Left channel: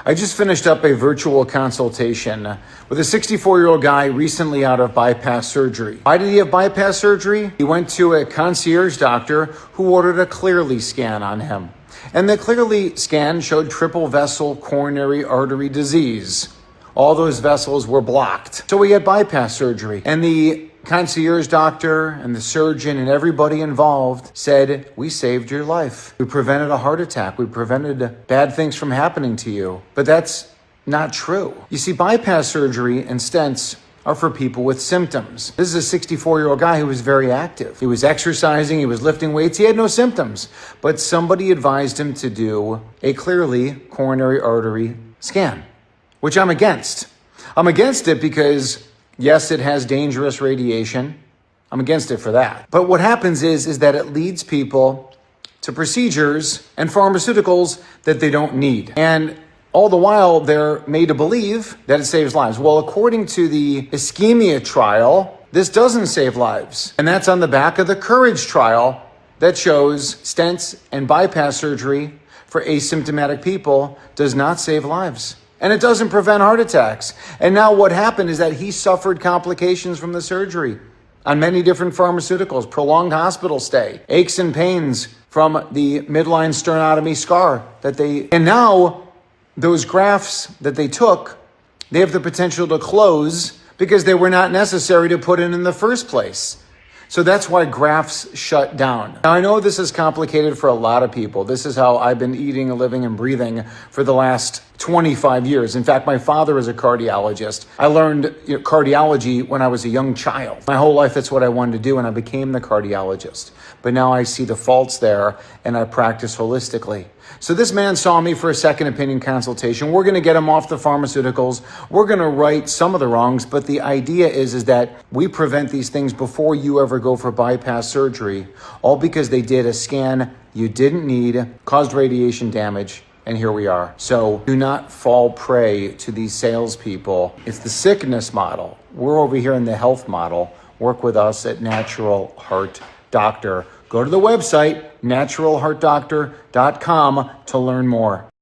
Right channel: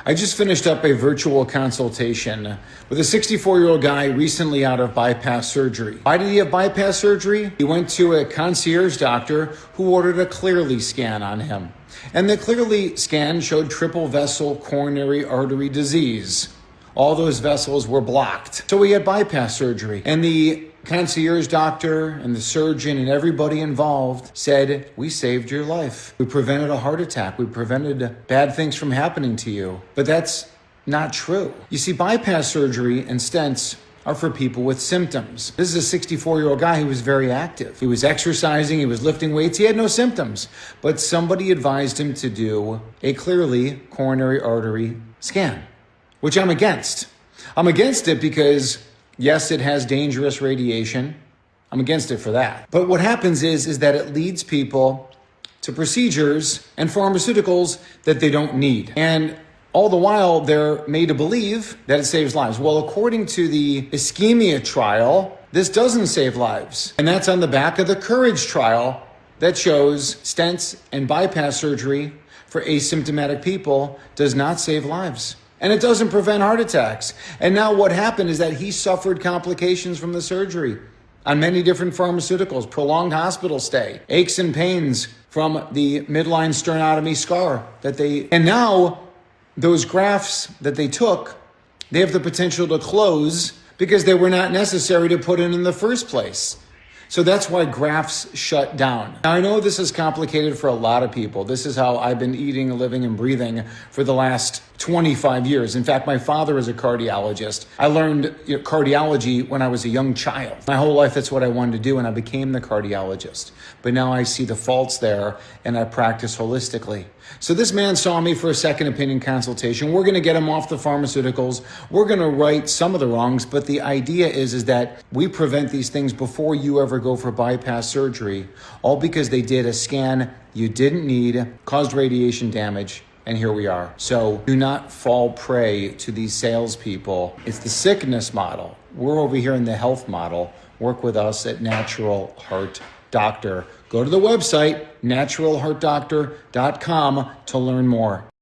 I just finished up a virtual consultation with a 64-year-old guy recently out of bypass surgery. Why did he have bypass surgery? He went to a concierge doctor who ordered a Clearly scan on him. And the Clearly scan showed triple vessel coronary artery disease. All those vessels were blocked. So he had bypass surgery. And the concierge doctor and the surgeon and everybody involved said, we saved your life. We prevented a heart attack. We prevented bad things from happening to you. But that's not true. You see, bypass surgery and stents are for people with symptoms. This is a 64-year-old guy who was very active. He was exercising, he was lifting weights, he had no symptoms. But somebody advised him to do a Clearly coronary artery scan, which I'm against. I'm against it because, yes, it has dangerous radiation. I'm against it for that. But what happens is that it leads people to procedures and pharmaceuticals that they don't need. And all the while, they're made to believe that it saves lives. Well, according to the ISCHEMIA trial, this doesn't save lives. And that's on the back of the COURAGE trial that shows stents and bypass surgery for asymptomatic people does not save lives. And it doesn't prevent heart attacks. And now what happened is that he suffered complications from the surgery on many different pharmaceuticals, prolonged hospital stay, aches and pains from the midline sternotomy scar and now those grafts that they took, they have the potential to close because they were not necessary to put in the first place. So that's why grafts shut down. Now, I know this is complicated for a lot of people. This is how I've been eating, living, and breathing for the last 25 years. In fact, my father is a cardiologist. I learned cardiology when I was a young child. My whole life, that's what I wanted to do, and I became the cardiologist. But now I see the faults there, and I practice holistically. So this man saw me for a second opinion consultation. We're going to get him off the pharmaceuticals. We're going to right some of the wrongs, but the idea is that we prevent these things before you ever go for bypass surgery, all because they did a scan you didn't need, caused radiation damage, and here we are. So do not fall prey to these salespeople. It's the sickness model. We're over here in the health model. Work with us at Natural Heart Doctor. Go to the website, naturalheartdoctor.com, to learn more.